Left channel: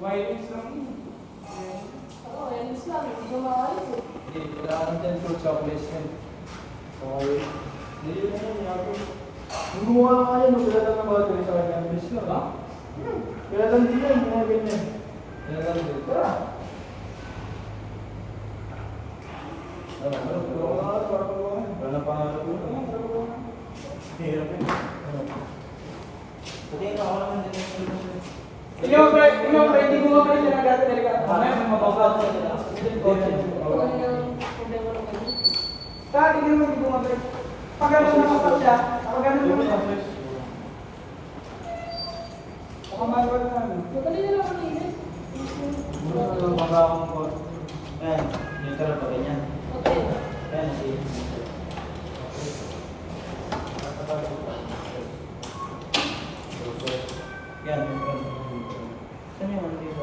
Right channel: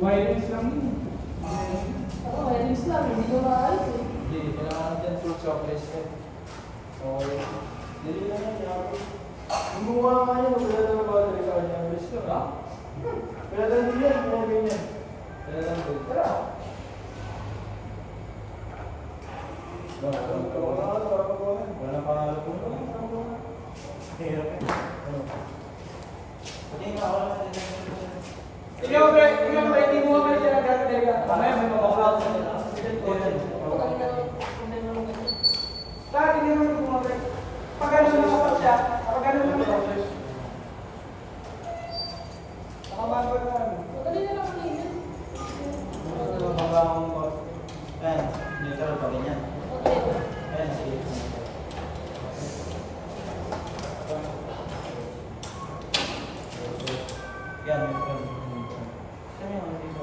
Wireless lang yun. Oo, wireless lang. Hindi ko maalas eh. Hindi, kailangan dyan full chocolates yan. Okay. Dili na yan, ako. Yung gumawa ka yan, wala lang mga tuloy sa kanya. Bilis lang, ha? Wala lang din yan, mga ganyan. Wala lang din. Tara! Wala pa nga lang. Hirap yun. Pati na ako naman din. Ikaw, hindi mo nga pala talaga talaga. Mamaya may mababaw sa ito. Dati hindi mo hindi mo nga. Pag ano naman siya, pag ano naman siya. Baka magawag na ano. Madali na lang ako init. Ayan, dito rin pa ganyan. Okay. Ayan, sige. Yan, yung front. Saan yung ano dito?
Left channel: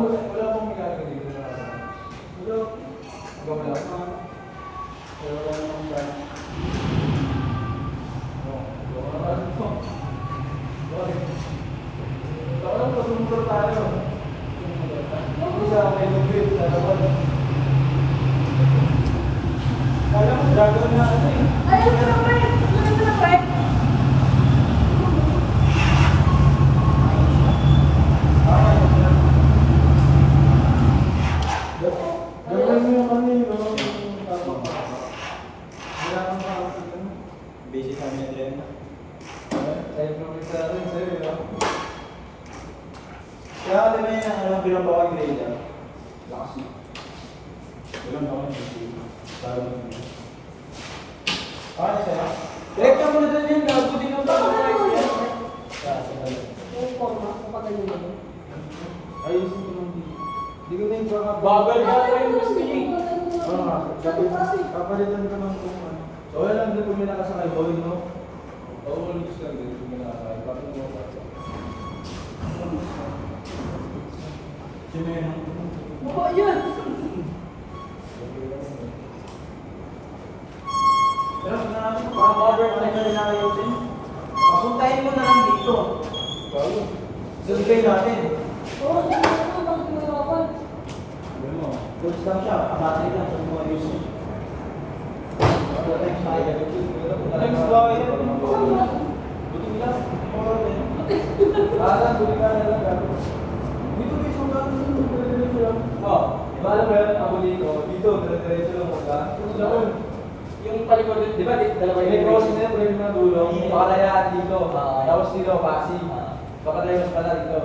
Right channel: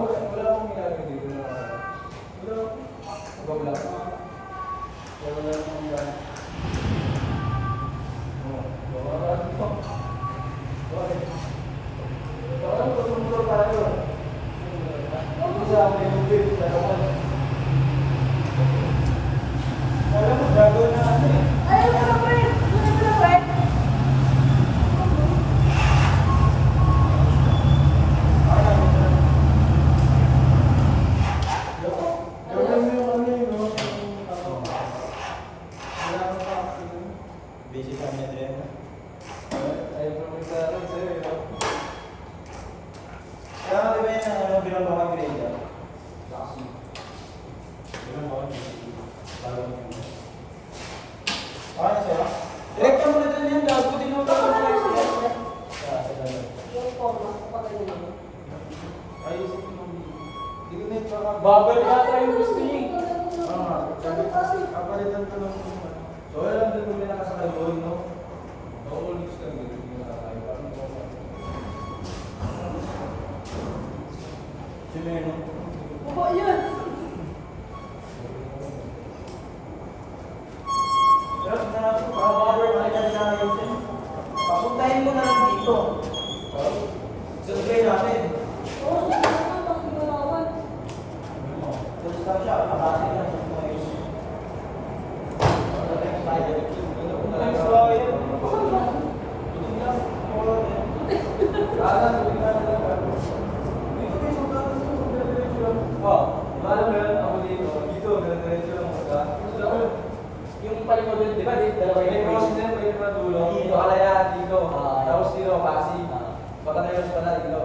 Wala pong mekanika dito. Wala namang gano'n. Wala pa sumukor tayo. Hindi siya may mag-wait. Wala pong gagawin natin. Ay, ito na pa eh. Ito na pa eh. Basic kami na din. Kaya di ba yun ang ano, binabawang grade yan? Lakas yun. Yun ako yun. Parang yun. Ah, siya? Direct ang muna dyan yun. Nakabuting ang baka. Yung forma, kapag ganyan yun. Ayusin ko lang dito. Hindi ko na yung baka. Bagal yata yung gusto yun. Kapalitan ko ng tuman. So wala lang din kung may nakasakal ko yun, no? Oo, malinis ka din kung may nakasakal. Bakit mo sa akin? Sino Mukha yun. Pero mga mother, ano yung nakayusin? Papuntahin mo na lang dito. Sabi natin. Oo, ito lang ginagawa. Gusto lang siya, kakasali lang sa mga ayusin. Buting lang. Kanan, buti ka lang lang. Dito may isang kanan dito. Dire-diretso lang. Wow. Diba alam mo yan? Ako dito. Dito, dire-diretso lang muna. Doon. Yung palikod, di ba? Dalawa May crossing na yan. Pwede mga dulo. Pakalayaan dito. Ah. Tapos dito, Pasig. Pakadayos pala dito.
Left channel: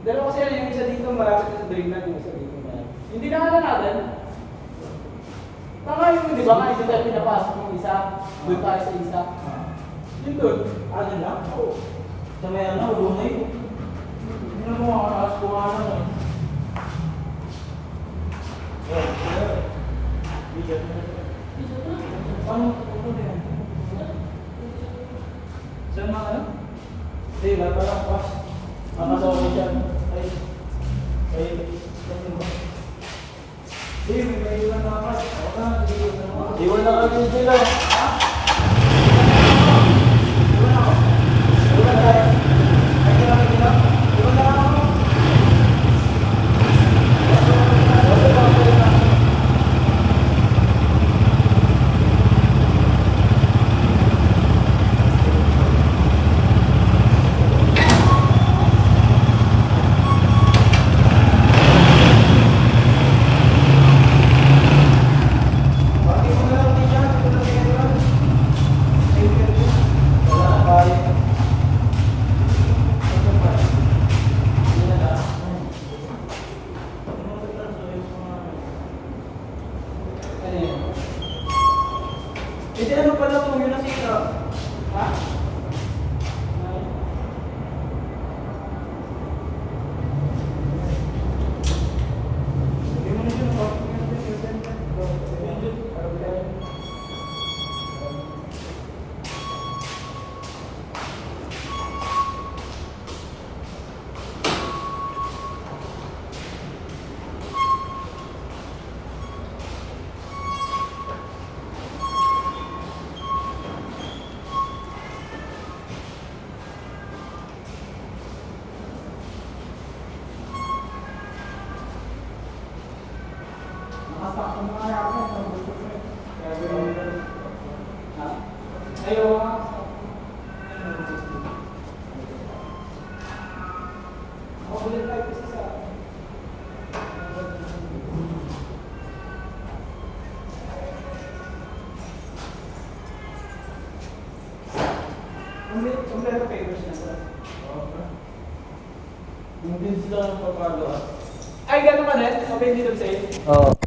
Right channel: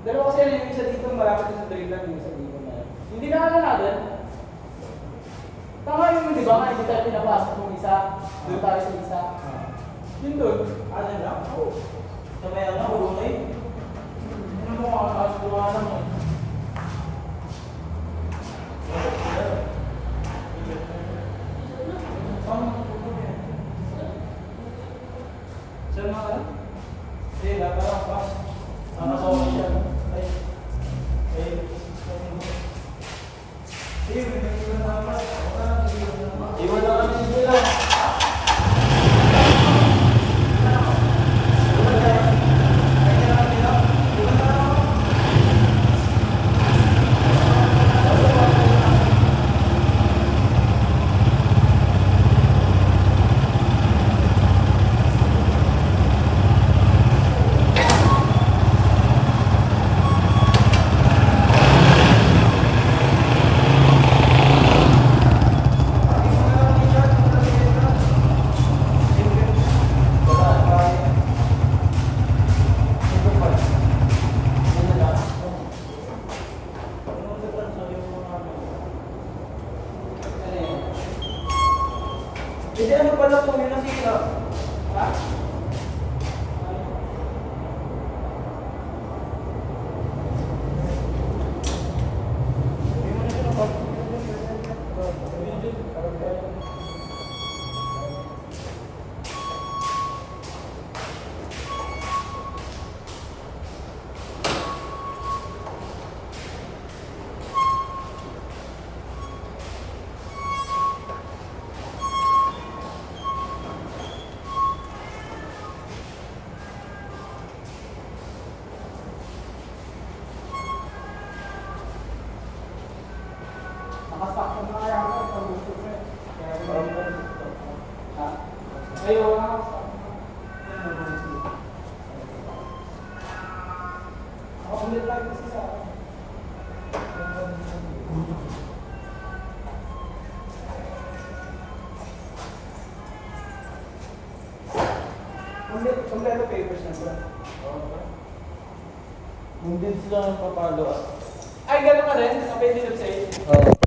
Pero kasi yung isa dito, malapit sa Dragland, yung isa dito. Hindi naman na natin. Tama yung, di ba? Nga, hindi tayo pinapasok yung isa. Doon tayo sa isa. Yun doon. Ano na? Oo. Sa may ano, ulo na yun. Hindi na mo makakakas ko nga naman eh. Paano mo yan? Saan mga ano? Hindi, napala pa. Nakasawag siya. Hindi, may ilan na pa. Iwan lang kami dito lang. Ayaw nga. Makulit tayo kasi sa... Compare papers na to. Kung din sila ng papagawa. Ay, gano'n ka din? Okay, dito say. Oo.